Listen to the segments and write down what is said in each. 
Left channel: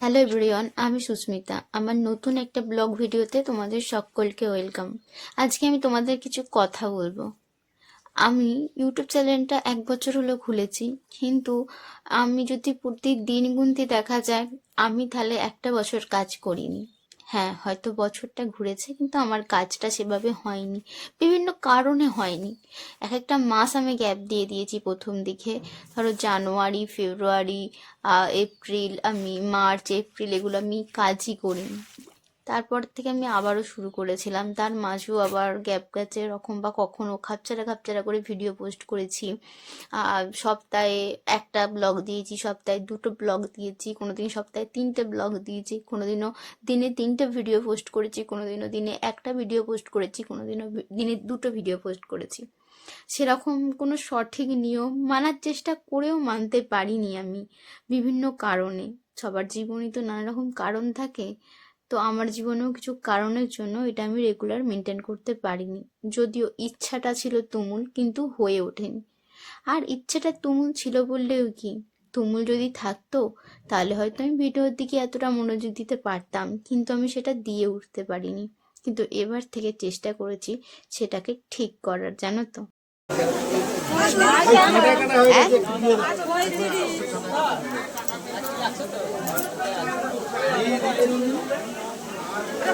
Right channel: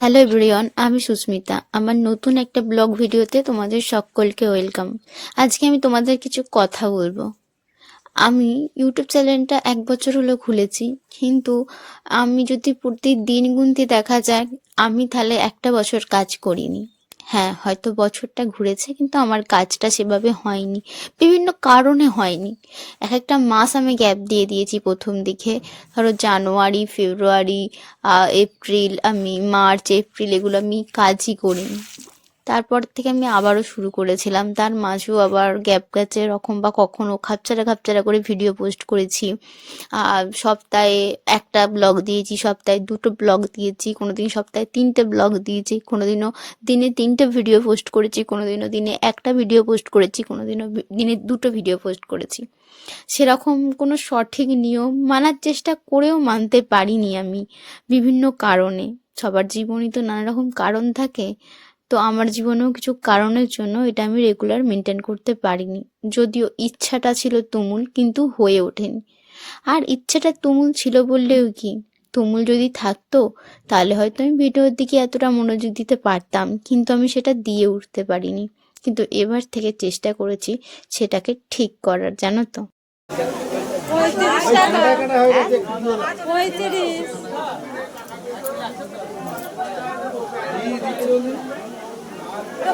Hello everyone আমি সুস্মিতা। আমার নতুন একটা ব্লগ ভিডিওতে তোমাদের সকলকে ওয়েলকাম আজকে আমি তোমাদের কিছু কথা বলব। আমি ইউটিউব চ্যানেলটা এক বছর হলো খুলেছি, কিন্তু আমি যদি প্রতিদিন গুনতে দেখা যায়, আমি তাহলে একটা বছর কাজ করিনি। হ্যাঁ হয়তো বছরটা ঘুরেছে কিন্তু আমার কাজটা সেভাবে হয়নি। বিভিন্ন কারণে হয়নি। এক একটা মাস আমি গ্যাপ দিয়ে দিয়েছি প্রথম দিকে। ধরো জানুয়ারি, ফেব্রুয়ারি এপ্রিল, আমি মার্চ, এপ্রিল এগুলো আমি কাজই করিনি। তারপর থেকে আমি আবারও শুরু করেছিলাম। তার মাঝেও আবার গ্যাপ গেছে এরকম বা কখনো খাপছাড়া খাপচারা করে ভিডিও পোস্ট করেছি। আর সপ্তাহে একটা ব্লগ দিয়েছি, সপ্তাহে দুটো ব্লগ দিয়েছি কোনো দিন সপ্তাহে তিনটে ব্লগ দিয়েছি কোনো দিনও দিনে তিনটে ভিডিও পোস্ট করেছি কোনো দিনও দিনে একটা ভিডিও পোস্ট করেছি কোনো দিনও দিনে দুটো ভিডিও পোস্ট করেছি। সেরকম কোনো সঠিক নিয়ম মানার চেষ্টা করেও মানতে পারিনি আমি বিভিন্ন কারণে। সবার জীবনই তো নানা রকম কারণ থাকে। তো আমার জীবনেও কিছু কারণের জন্য এটা আমি রেগুলার মেনটেন করতে পারিনি। যদিও ইচ্ছাটা ছিল তুমুল, কিন্তু হয়ে ওঠেনি। আর ইচ্ছাটা তুমুল ছিল বললেও কি? তুমুল যদি থাকতো, তাহলে হয়তো আমি ভিডিওর দিকে এতটা মনোযোগ দিতে পারতাম, কিন্তু আমি সেটা দিয়ে উঠতে পারিনি। কিন্তু এবার থেকে চেষ্টা করেছি সেটাকে ঠিক করার, জানো তো।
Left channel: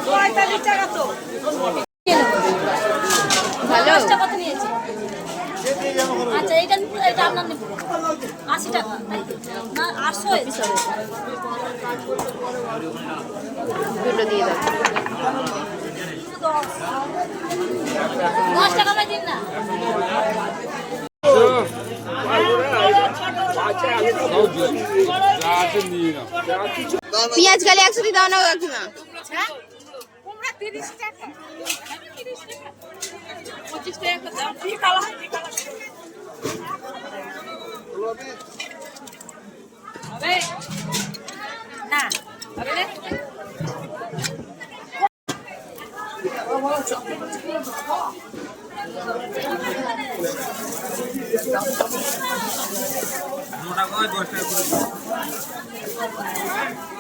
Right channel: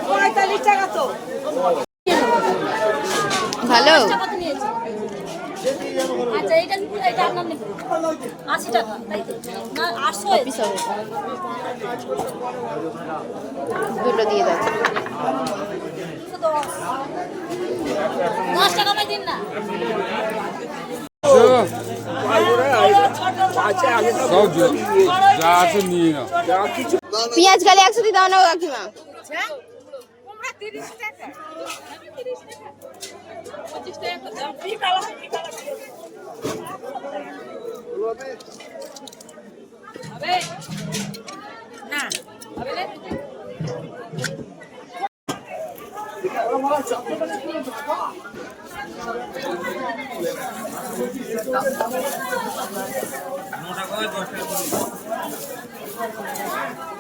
পঁয়তাল্লিশ টাকা তো ভালো আচ্ছা এইটা এটা আপনার নিবো আশি টাকা তাই তো না আটশো দুটো দিয়ে দাও দুশো দশ দশ টাকা দিয়ে দিন না যা আছে নিয়ে নাও পেঁয়াজ গালে একশো দিয়ে দাও না। কাকিমা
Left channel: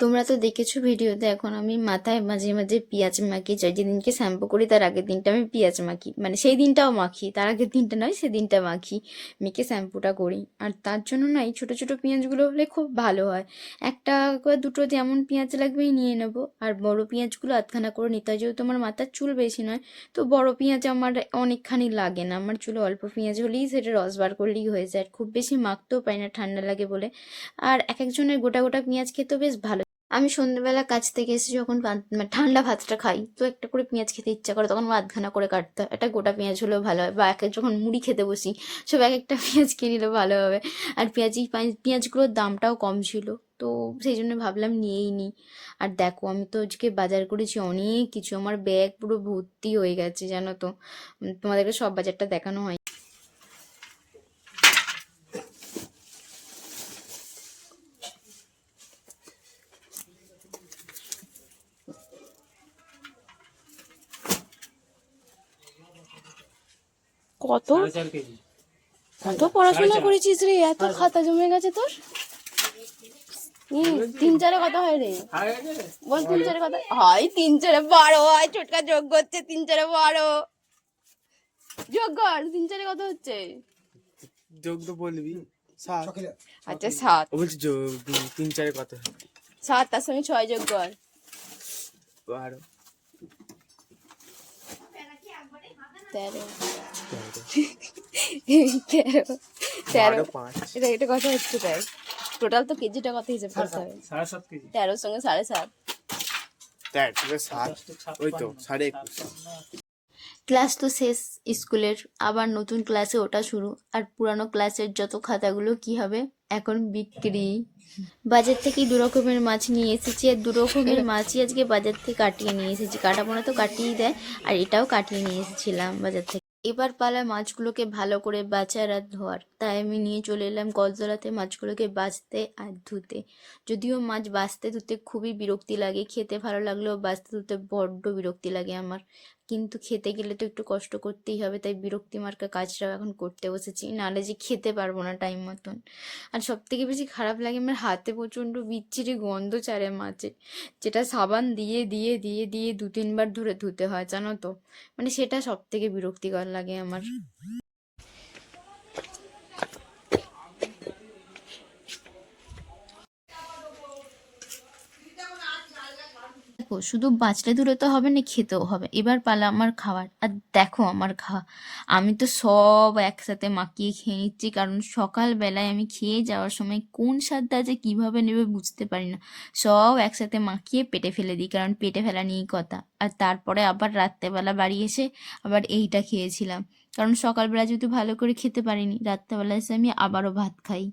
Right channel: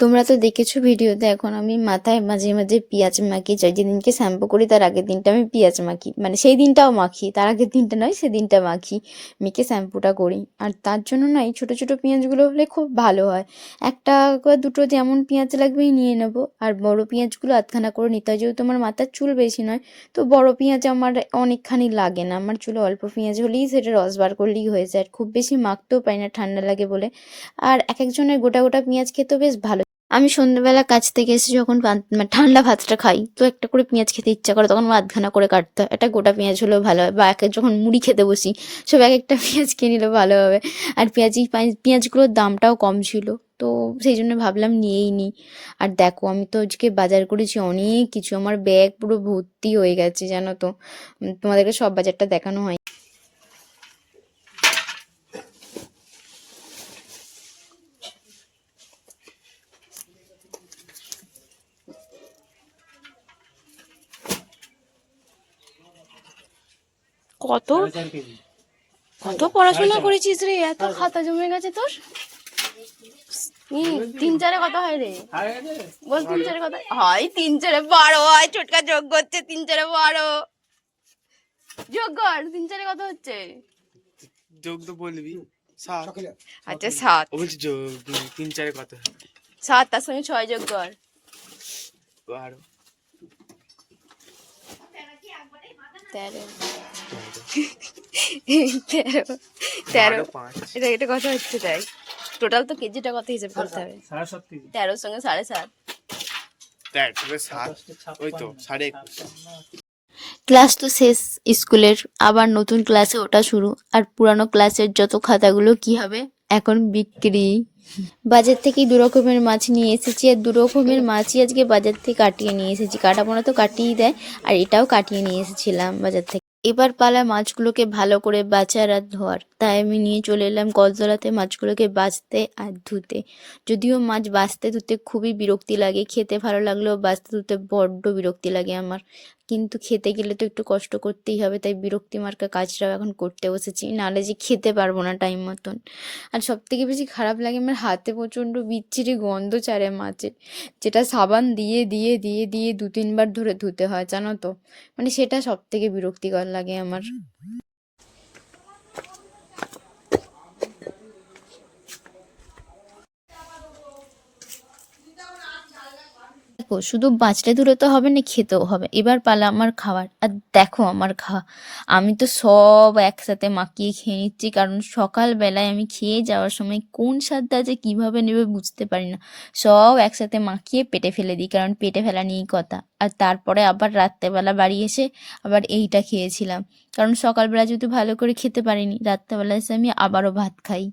তোমরা তো দেখেছ ভিডিওতে এখন আমি মাথায় মাঝে মাঝে পেঁয়াজ মাখি, যাই যেদিনকে শ্যাম্পু করি তার আগের দিনটা আমি পেঁয়াজ মাখি। মানে সেই দিনটাও মাখি, তার আগের দিনটা নয়, সেই দিনটা মাখি, মেখে শ্যাম্পুটা করি। আর তার জন্য না এই ছোটো ছোটো পেঁয়াজগুলো হলে খুব ভালো হয়। একটা বা দুটো যেমন পেঁয়াজ লাগবে নিয়ে নেব। আর বড় পেঁয়াজগুলো আধখানা করে নিতে হয়, যেহেতু আমার মাথার চুল বেশি নয়, তো বড় পেঁয়াজ আমার অনেকখানি লাগে না। আমার চুলে অল্প পেঁয়াজ হলেই সেটা রস বার করলেই হয়ে যায় খুব বেশি মাখতেও পারি না, ঠান্ডা লাগে বলে। আর এক একজনের গোটা গোটা পেঁয়াজ খেতেও বেশ ভালো আমি সন্ধ্যেবেলা কাজ থেকে এসে যখন মানে ঠান্ডা ভাতটা খাই, তো একটা করে পেঁয়াজ খেতে ইচ্ছা করে, তখন আধখানা করে কাটতে হয়। একটা গোটা পেঁয়াজ হলেও ভালো হয়, বা এক যখন মুড়ি খেতে বসি, সব এক একটা পেঁয়াজ কিনে নিলেও ভালো হবে। আর পেঁয়াজি পেঁয়াজগুলোর দামটাও কম ছিল, তো সেই জন্য ভাবলাম নিয়েই নিই আর দেখো, আমি তো আজকে বাজার করেছি অনেক কিছু, আমার ব্যাগ পুরো ভর্তি হয়ে গেছে, জানো তো। তোমাদেরকে সব বাজারটা দেখানো হয়। কত? কত পড়াশোনা করেছিস রে? এত খাতা জমে গেছে তোর? ই, তিন চারে কত হয় রে? বল তিন চারে কত? হয় তিন চারে বারো হয় ছোটকা যোগ করছে তিন চারে বারো। যোগ কর তিন চারে কত হচ্ছে? যোগ তো বলবি সাত। আচ্ছা সাত। যোগ তিন- চারে কত সাত তার সঙ্গে ছয় যোগ কর। বারো। তেরো। তেরো। তেরো। এটা এটা কত হচ্ছে তাই টোটাল তো কেজিটা কত হিসেব করতে হবে। তেরোর সঙ্গে সাড়ে সাত। ক্লাস তো শেষ স্কুলের আবার নতুন ক্লাসে ওটা শুরু। আর পুরানো ক্লাসের যত খাতাগুলো কি হবে এখন বিক্রি। বাজার থেকে দু রকমের মাছ নিয়ে এসেছি আর দু রকমের মাছই আজকে বাজার থেকে কাটিয়ে নিয়ে এসেছি। কাটাপোনা তো কাটিয়েই দেয় আর এটাও কাটিয়ে নিয়ে এসেছিলাম বাজার থেকে। এবার পালা মাছগুলোকে ভালো করে বাঁচার আর ধোয়ার। তাই আমি নিয়ে চলে এলাম কলতলাতে মাছগুলোকে বাঁচতে আর ধুতে। যদিও মাছ বাঁচতে ধুতে খুবই বিরক্তি লাগে, খেতে ভালো লাগলেও বাঁচতে ধুতে বড্ড বিরক্তি লাগে আমার। কিন্তু খেতে গেলে তো একটু কষ্ট করতেই হবে, তাই বিরক্তি মার্কা কাজটাও এখন করতে বসেছি। নাহলে যে খেতে পারব না টাইম মতন। আর সব থেকে বেশি খারাপ লাগে আমার হাতে প্রচণ্ড বিচ্ছিরি গন্ধ চারে মাছের যেটা সাবান দিয়ে দিয়ে দিয়ে দিয়ে দু তিনবার ধরে ধুতে হয়, জানো তো? মানে সেটা সব থেকে বিরক্তিকর লাগে আমার। দেখো, শুধু বাঁচলে দূরে তো হবে না, খেতেও হবে। এবার পালা আমার খাওয়ার আর দেখো আমার খাওয়া আমি তো সব একসাথে মাখিয়ে খেয়ে নিচ্ছি, কারণ সকালবেলায় আমি খেয়ে যাওয়ার সময় কোন স্বাদটা যে কীভাবে নেবে বুঝতে পারি না। সব একসাথে মাখিয়ে পেটে ফেলে দিই, কারণ পেটে ফেলা নিয়েই কথা। আর তারপরে আবার রাত্রেবেলা বাড়ি এসে আবার এইটা খেয়েছিলাম। কারণ সকালবেলা যেহেতু ভালো করে খেতে পারিনি, রাত্রেবেলা এসে আমি আবারও ভাত খাই।